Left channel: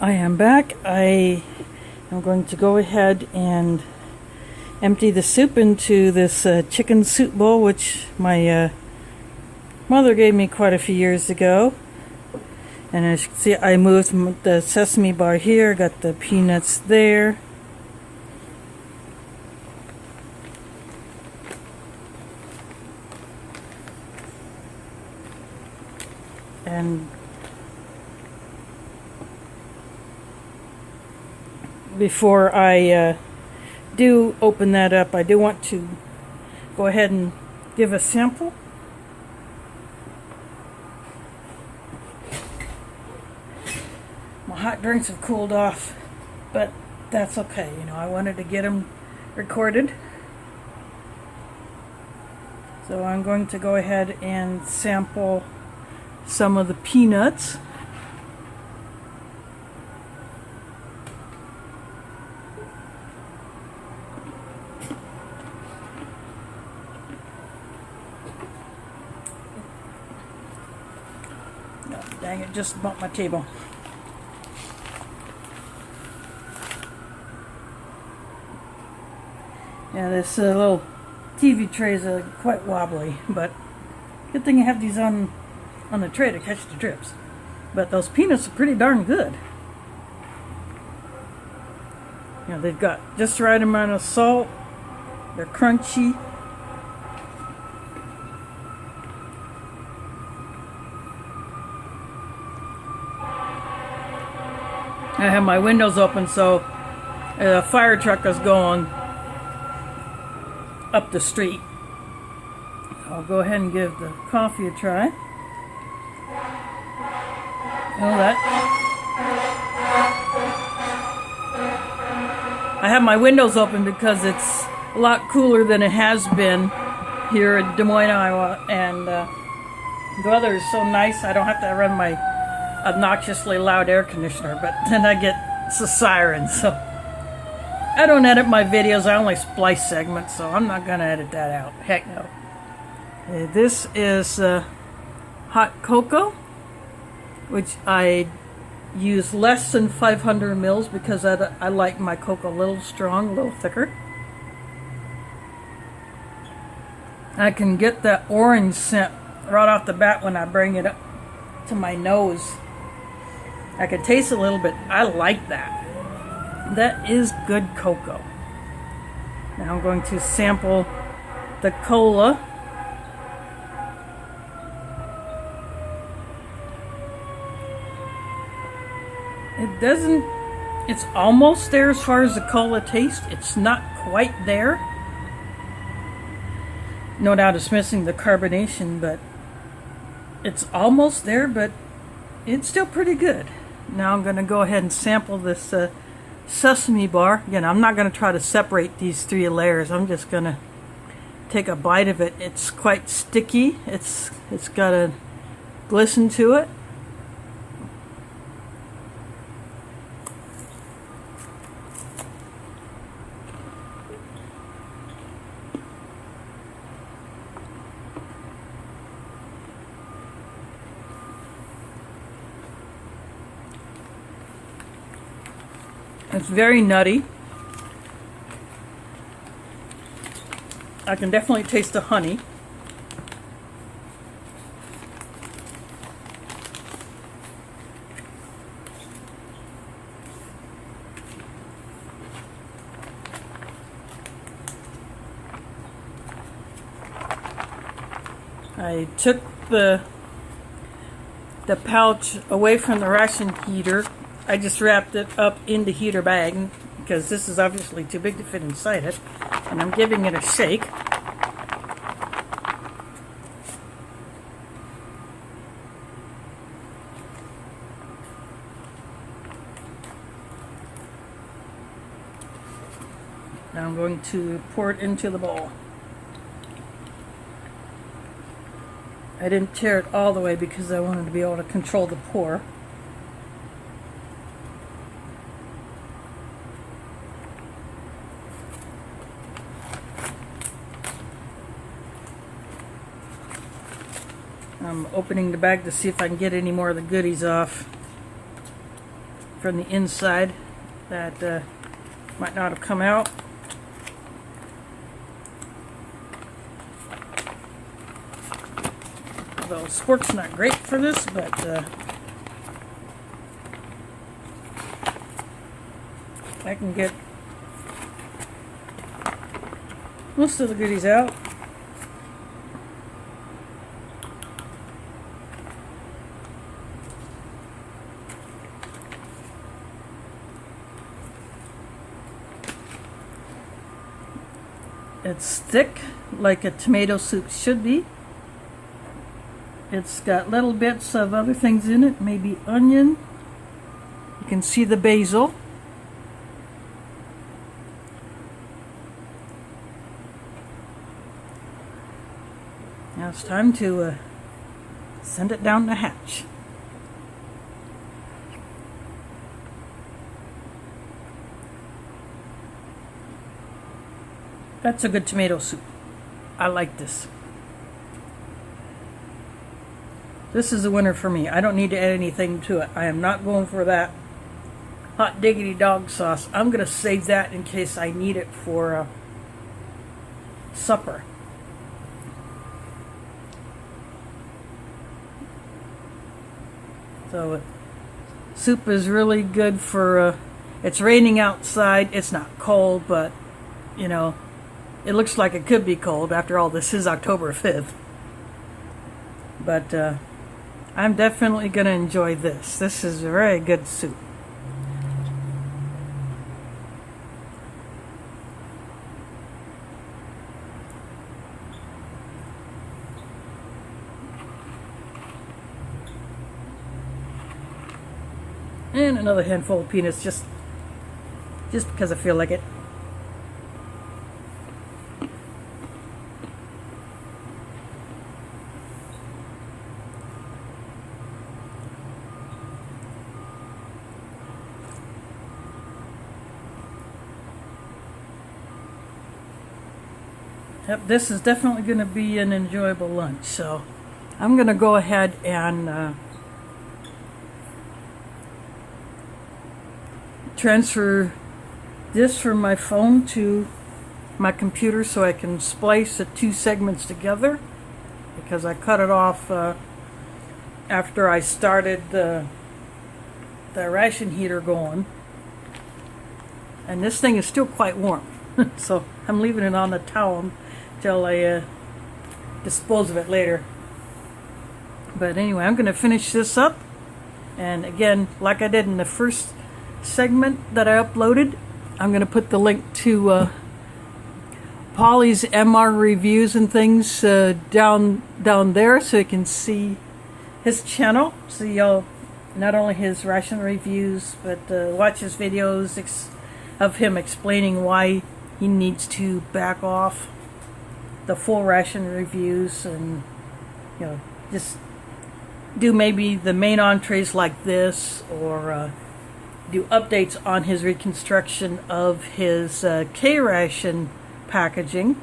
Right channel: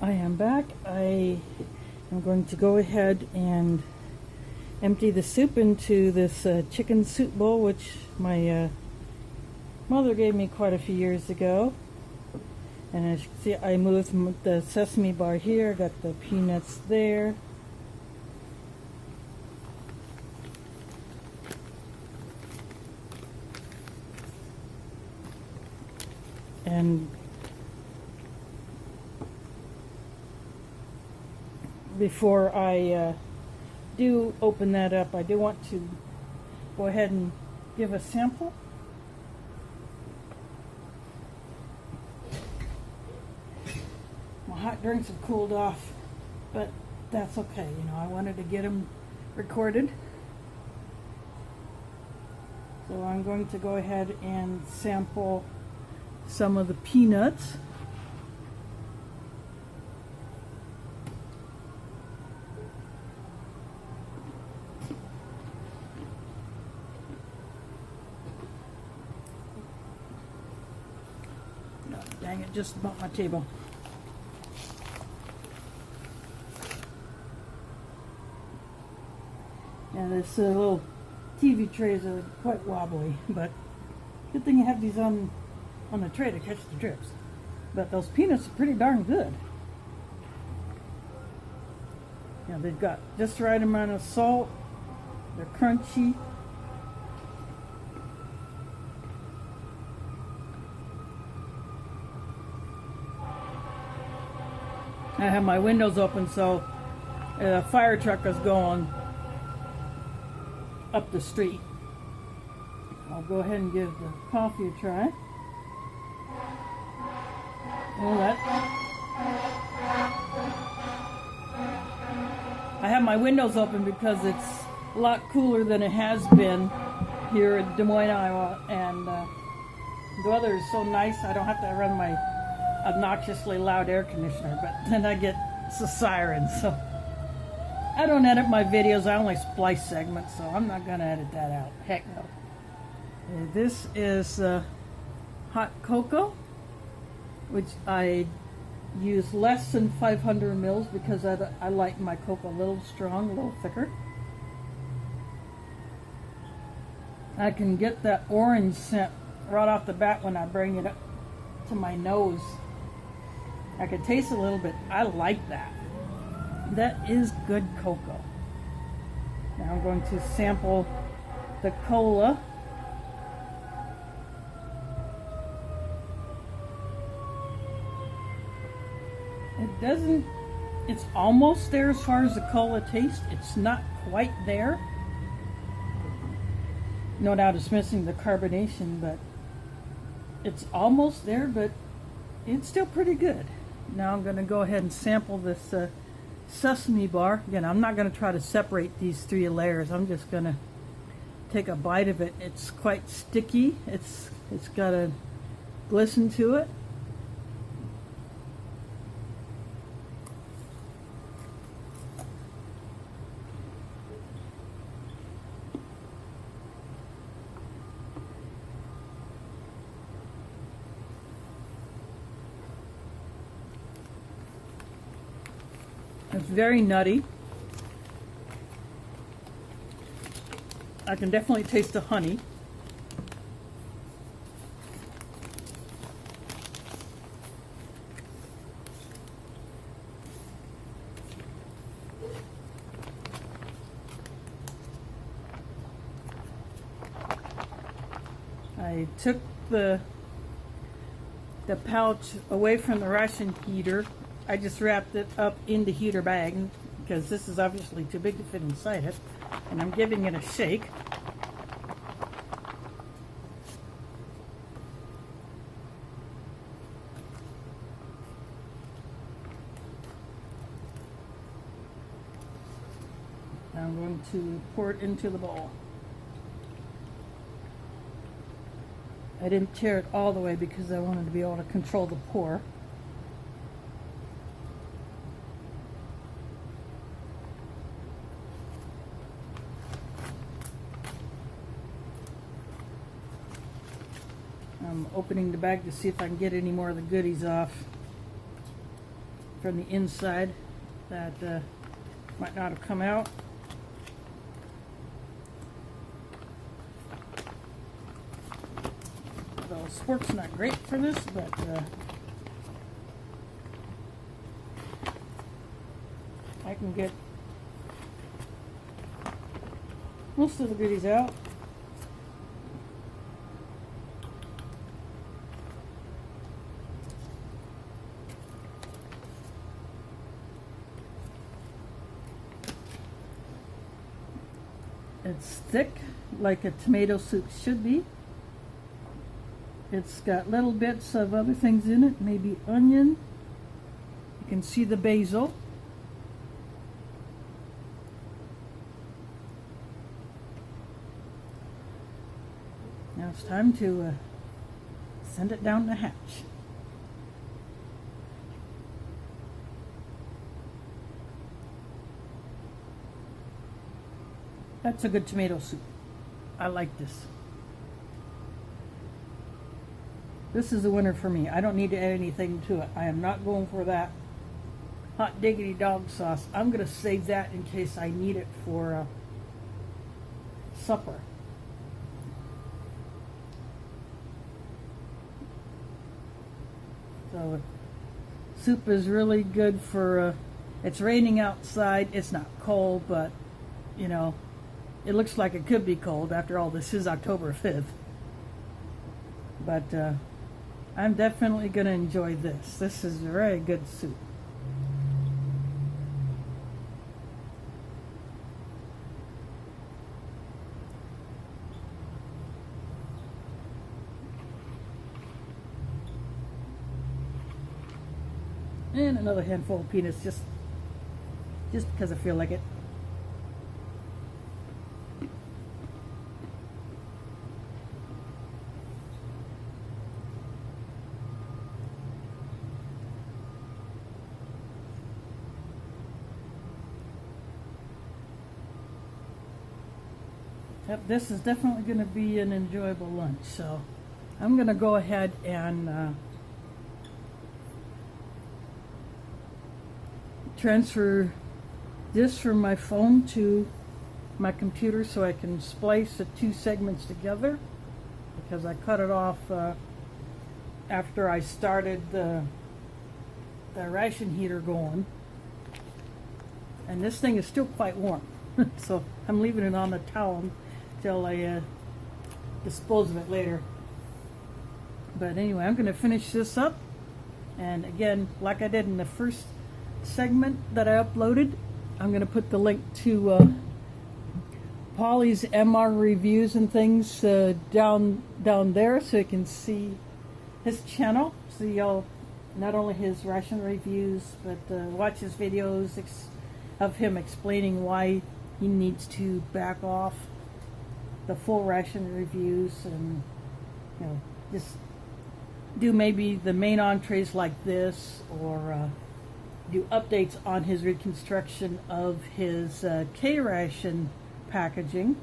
I am back. I am going to go ahead and empty the soup into this chicken soup bowl, which my mother gave me quite a few years ago. And as you can see, I moved the sesame bar here, got the peanuts there. And before I do open that up, I do want to go ahead and give a sample. My hot drinks have cooled off, but that's okay. You know, I wanted to get them recorded. So I'm going to go ahead and sample some of the peanuts. No, dang it, just bumped my table. Yeah, this little TV tray is quite wobbly, but good thing I have these on the tray to catch the drips. But those peanuts are pretty darn good. You know, they've got just the right amount of salt. They're crunchy. I have my windows open, so a fire truck is going up the street. I'll go ahead and give the coffee a try. Know that. I have my windows open because it's a lot cooler than it has been here in Des Moines, Iowa, and the weather is so nice I don't have to run my obnoxiously loud air conditioner, but then I get a siren, so I don't edit my videos. I only splice segments, so I'm not going to edit that out. Heck no. This is hot cocoa, which I use less than 500 mils because I like my cocoa a little strong, a little thicker. I can get that orange scent right off the bat when I bring it up to my nose. I can taste a little bit. I like that. That is good cocoa. Now I'm going to sample the cola. It's almost there as far as the cola taste. It's not quite there. No doubt it's missing the carbonation, but it's almost there, but it's still pretty good. Now I'm going to go ahead and sample this sesame bar. Again, I'm not going to try to separate these three layers. I'm just going to take a bite of it. It's quite sticky. It's got a glisten to it. It's very nutty. I can definitely taste the honey. I took the pouch away from the ration heater. I just wrapped it up in the heater bag because this is obviously too big to fit inside it, and I'm giving it a shake. Now I'm going to pour it into the bowl. I didn't tear it all the way because I wanted to be able to control the pour. I'm opening the bag to see if I can get any more of the goodies off. from the inside that might not have come out. Although spork's not great for this, but I can get most of the goodies out. It's thick, like a tomato soup should be. It's got little bits of other things in it, maybe onion. You can see the basil. Now it's time to send it down the hatch. That's a good tomato soup. I like this. This is a winner for me. I don't need to add anything to it. I am not going for that hot diggity dog sauce. I'm going to save that in case I need it for supper. So soup is really good for, it's raining outside. It's not cold, but you know, it looks like it could be cold. After all, this is October 5th. But I'm definitely going to enjoy this. This is a very good soup. And another handful of peanuts, just because I feel like it. Yep, this is definitely going to be an enjoyable lunch. So I'm going to go ahead and transfer this from my phone to my computer so I can splice the two segments together, because I cut it off after I started the ration heater going, and this thing is still quite warm. So I'm leaving it on the towel till I dispose of it later. But anyway, I'm going to finish this up, and again, like I did in the first segment that I uploaded, I'm going to put the link to Pauly's MR reviews and things down there, so you can see his channel. See not only his ration reviews, but watch his videos of him explaining why he needs to back off the full ration reviews, and you know, just do maybe the main entrees like this, or do updates on his reconstruction of his K-ration packaging,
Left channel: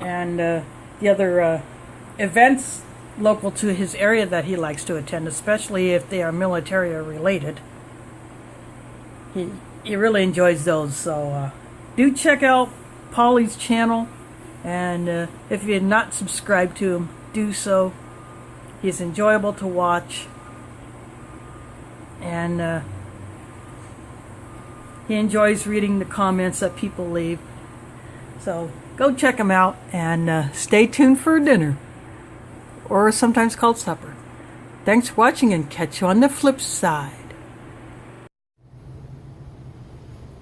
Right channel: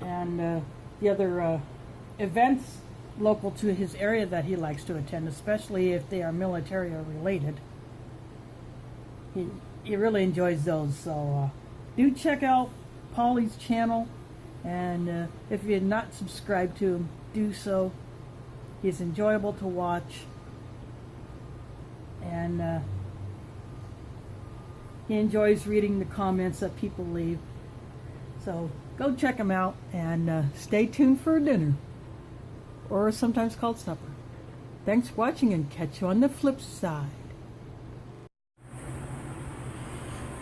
and the other events local to his area that he likes to attend, especially if they are militaria related. He really enjoys those. So do check out Pauly's channel, and if you're not subscribed to him, do so. He's enjoyable to watch, and he enjoys reading the comments that people leave. So go check him out, and stay tuned for dinner, or sometimes called supper. Thanks for watching, and catch you on the flip side.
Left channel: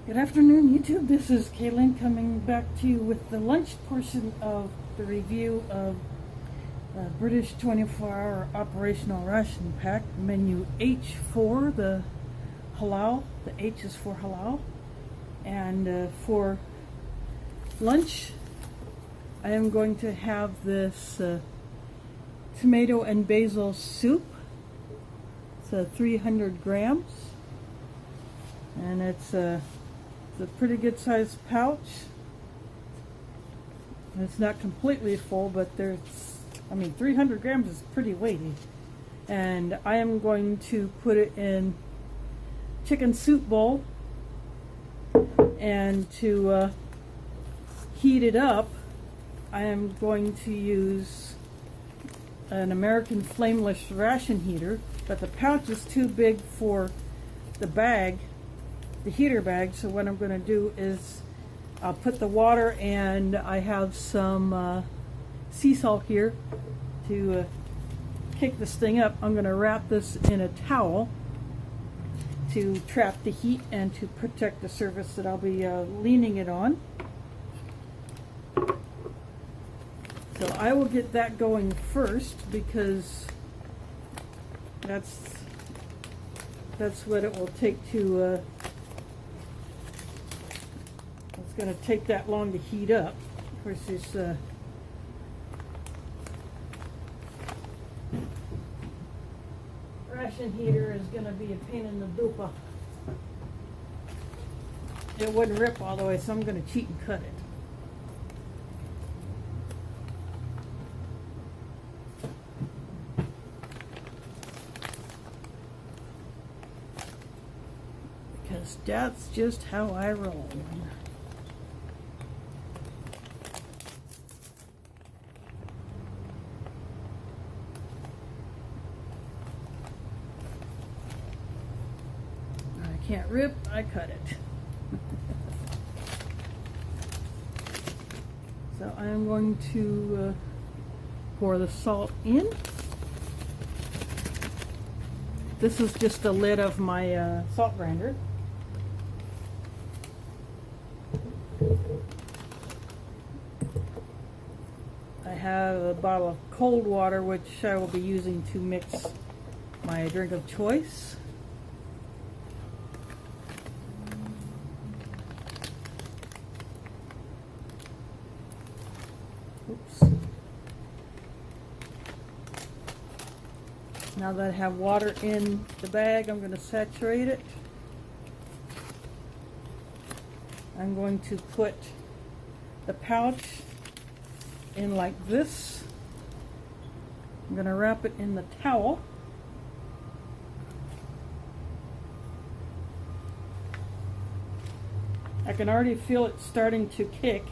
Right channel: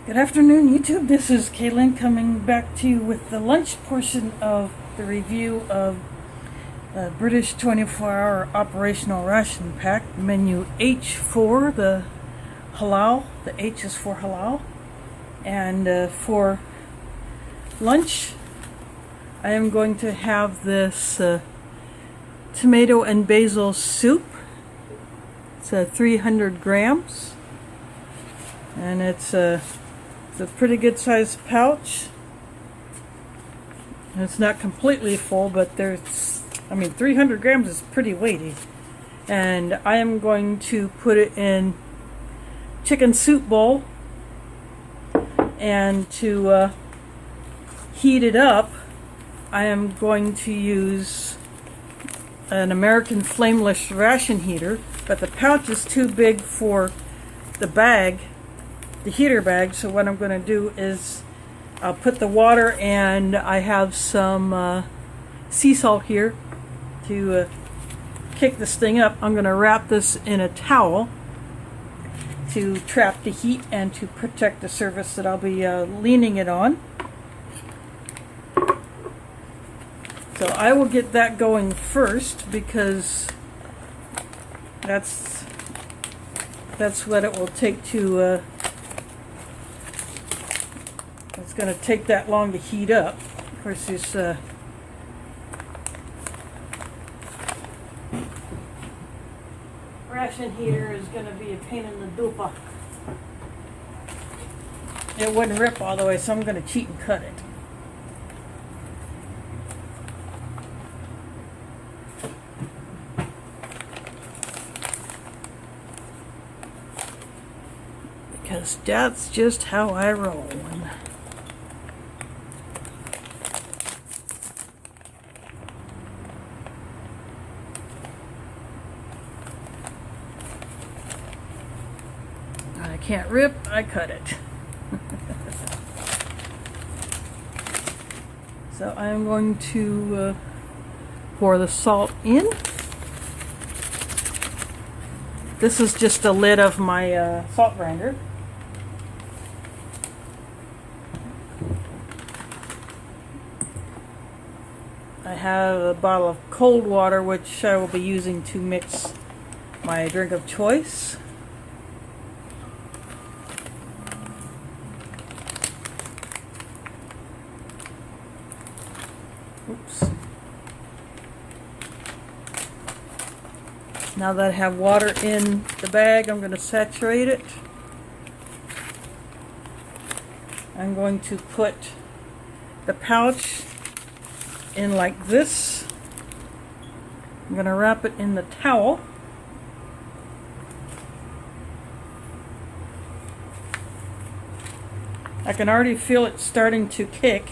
Good afternoon, YouTube. This is Kaylin coming back to you with the lunch portion of the review of British 24-hour Operational Ration Pack, menu H4, the halal. The H is for halal. And for lunch, I am going to have this tomato and basil soup. It's 300 grams. And it's a pretty good sized pouch. And it's not completely full, but 300 grams is pretty weighty. and I am going to put it in chicken soup bowl, and to heat it up I am going to use an American flameless ration heater, but the pouch is too big for the bag, the heater bag, so what I'm going to do is I'll put the water, and I have some sea salt here to kick this thing up. I'm going to wrap this in a towel to trap the heat and to protect the surface that I'll be leaning it on. So I will get that going first, because that's what it will take to it's going to take that long to heat up. Of course, this ration heater is going to be a pain in the dupa. It wouldn't rip all the way, so I'm going to cheat and cut it. Because that's just how I roll. I can't rip, I cut it. So I'm going to pour the salt in. This is just the lid of my salt grinder. I have a bottle of cold water, which I will be using to mix my drink of choice. Oops. Now that I have water in the bag, I'm going to saturate it. I'm going to put the pouch in like this. I'm going to wrap it in the towel. I can already feel it starting to kick.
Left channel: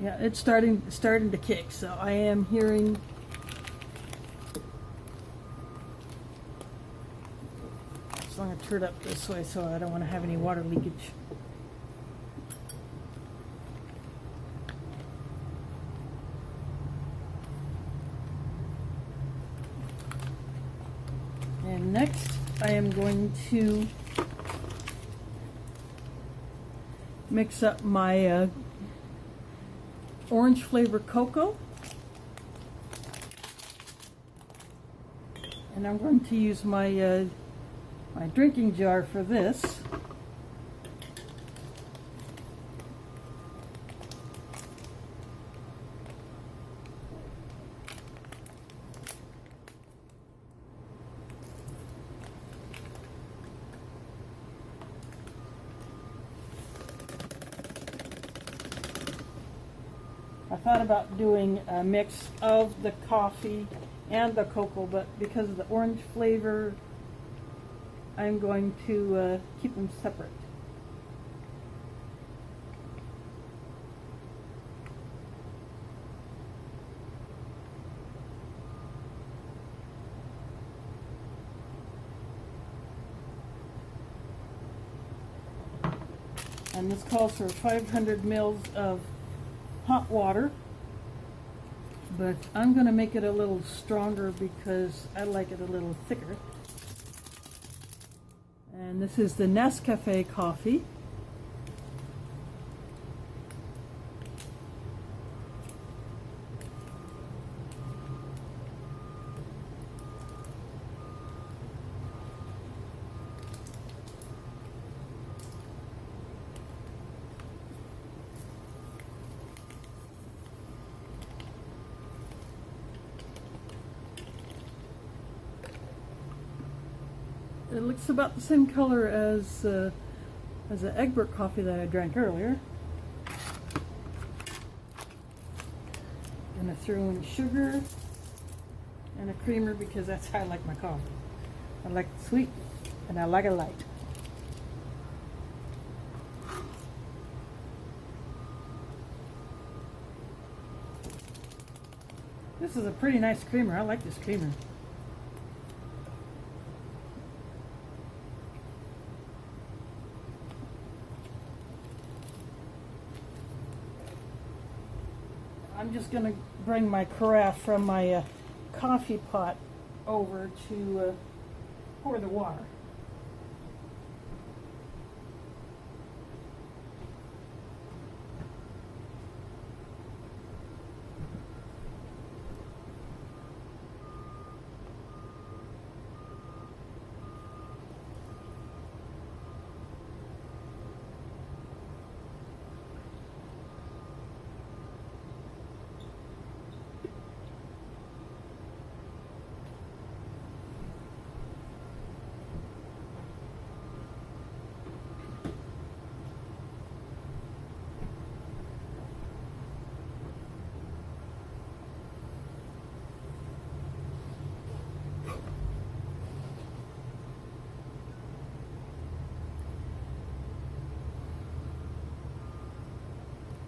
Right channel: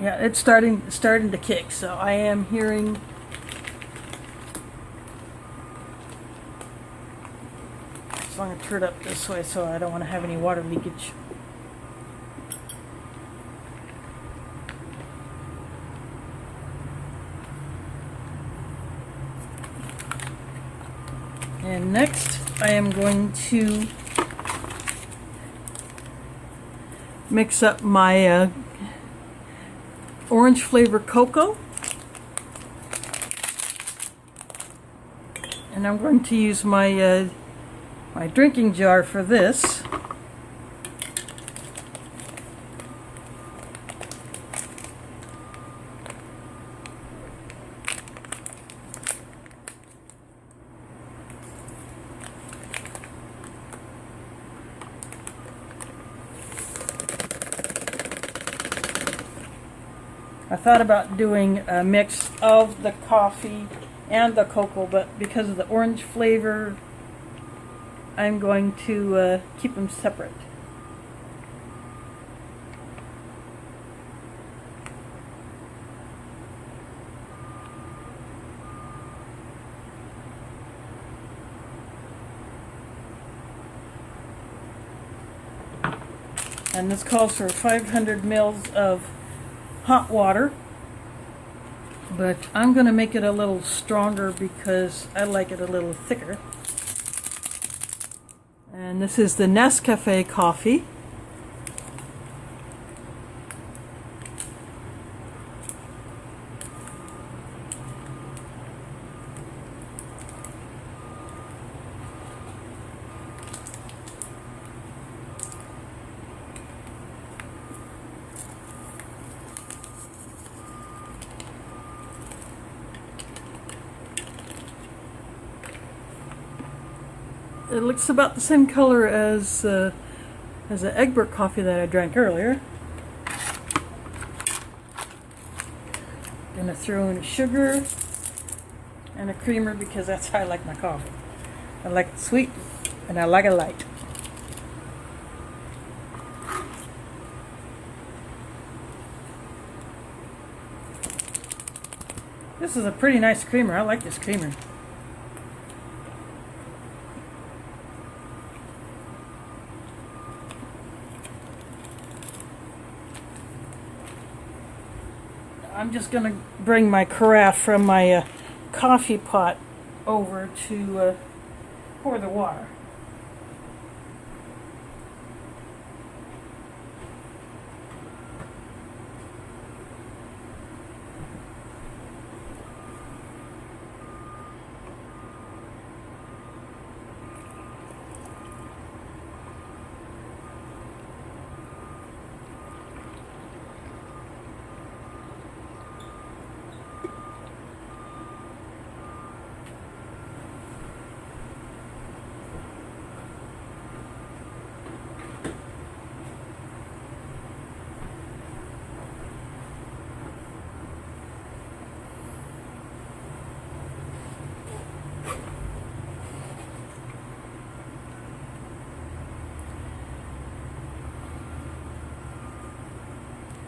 Yeah, it's starting to kick, so I am hearing so I'm going to turn it up this way so I don't want to have any water leakage. And next I am going to mix up my orange flavor cocoa, and I'm going to use my my drinking jar for this. I thought about doing a mix of the coffee and the cocoa, but because of the orange flavor, I'm going to keep them separate. And this calls for 500 mils of hot water, but I'm going to make it a little stronger because I like it a little thicker. And this is the Nescafe coffee. It looks about the same color as the Egbert coffee that I drank earlier. Gonna throw in sugar and a creamer because that's how I like my coffee. I like it sweet and I like it light. This is a pretty nice creamer. I like this creamer. I'm just going to bring my carafe from my coffee pot over to pour the water.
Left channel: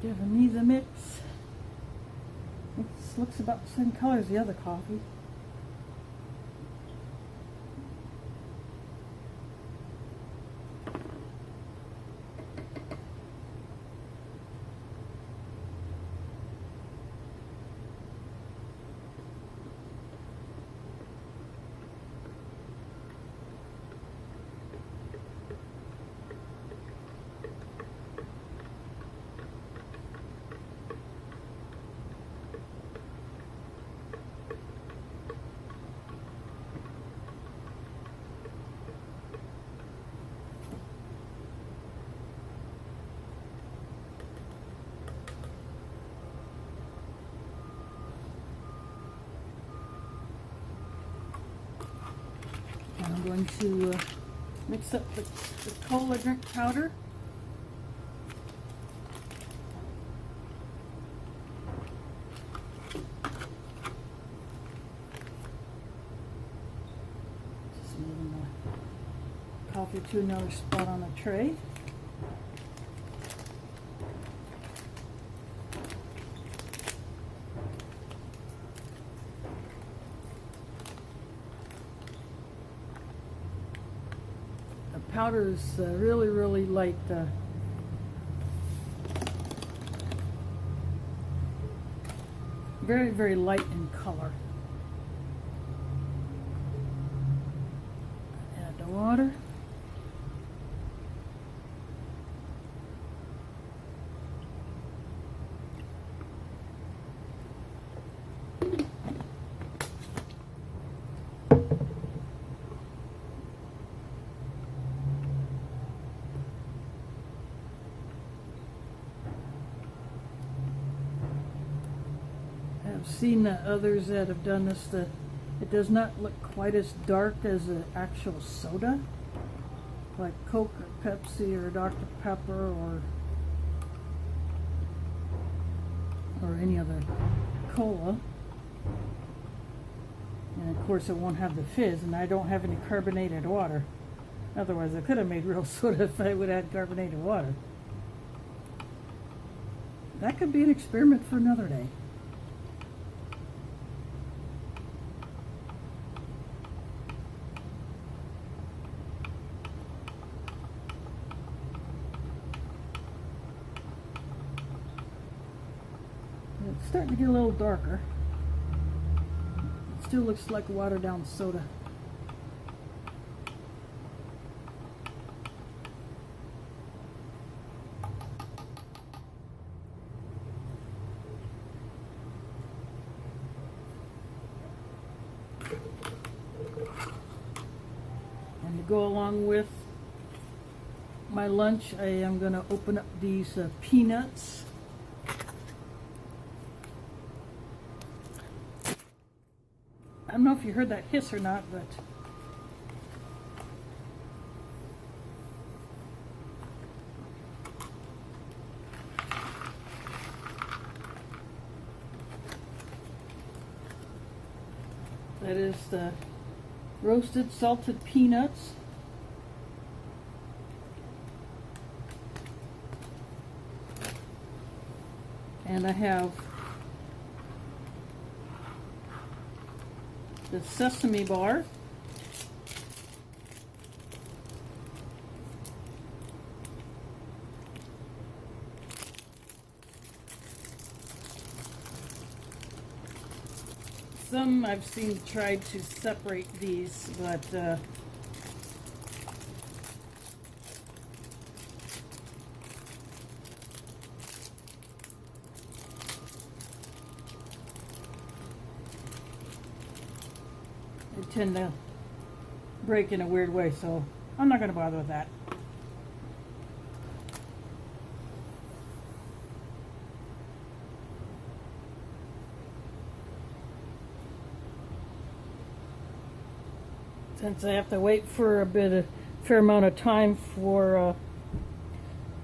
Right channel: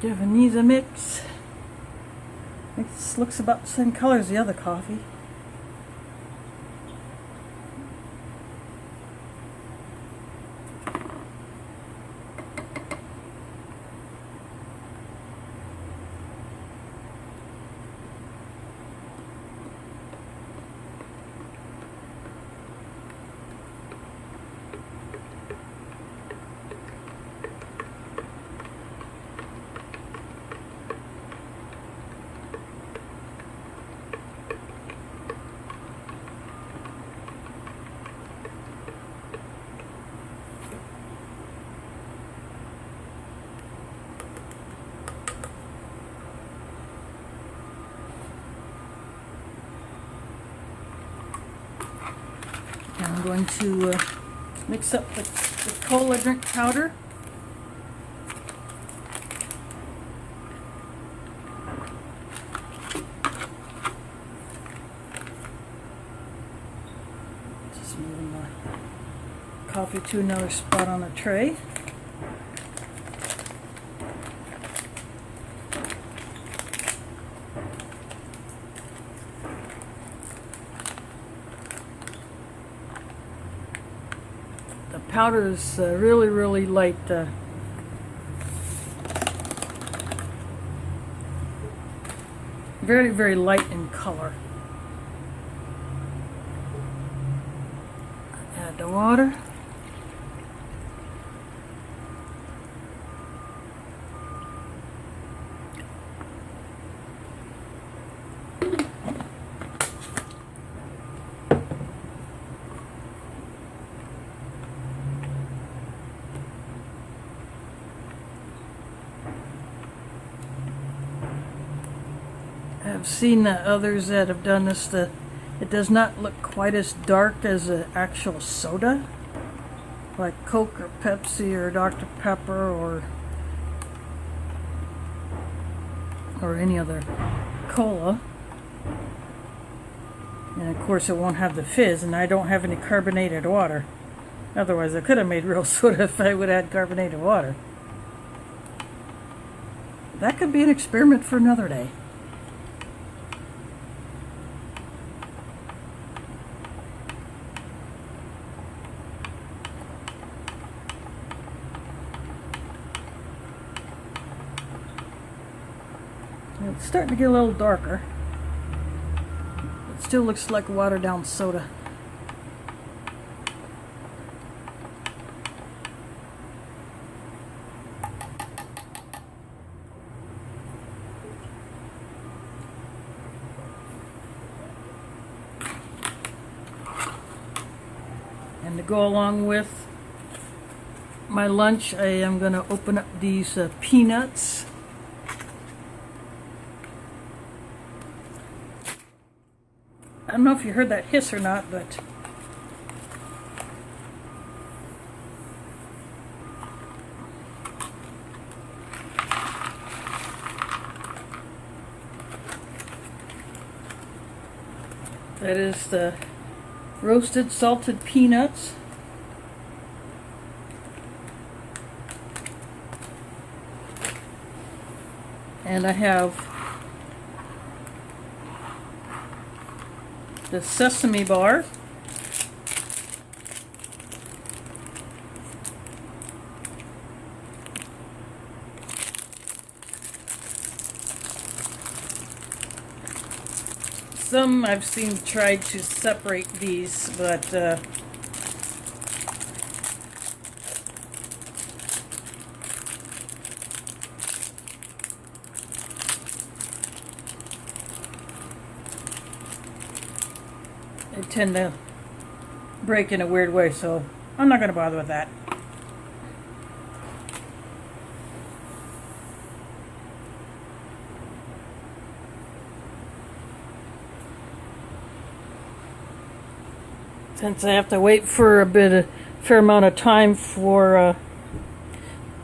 Javanese mix. This looks about the same color as the other coffee. I'm going to mix up the cola drink powder. Just moving the coffee to another spot on the tray. Powder is really light. Very light in color. Add the water. I've seen others that have done this. It does not look quite as dark as an actual soda, like Coke or Pepsi or Dr. Pepper or any other cola. And of course it won't have the fizz, and I don't have any carbonated water. Otherwise I could have made real soda if I would add carbonated water. That could be an experiment for another day. It's starting to get a little darker. It still looks like watered down soda. And to go along with my lunch, I am going to open up these peanuts. I don't know if you heard that hiss or not, but That is the roasted salted peanuts. And I have the sesame bar. Some I've seen tried to separate these, but they tend to break in a weird way, so I'm not going to bother with that. Since I have to wait for a fair amount of time for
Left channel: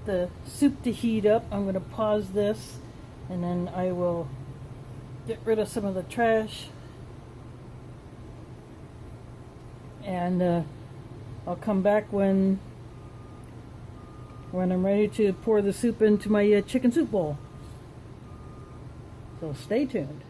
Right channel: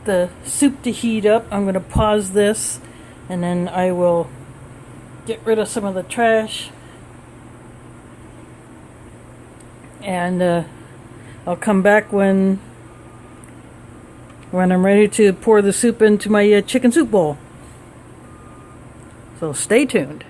the soup to heat up, I'm going to pause this, and then I will get rid of some of the trash, and I'll come back when I'm ready to pour the soup into my chicken soup bowl. So stay tuned.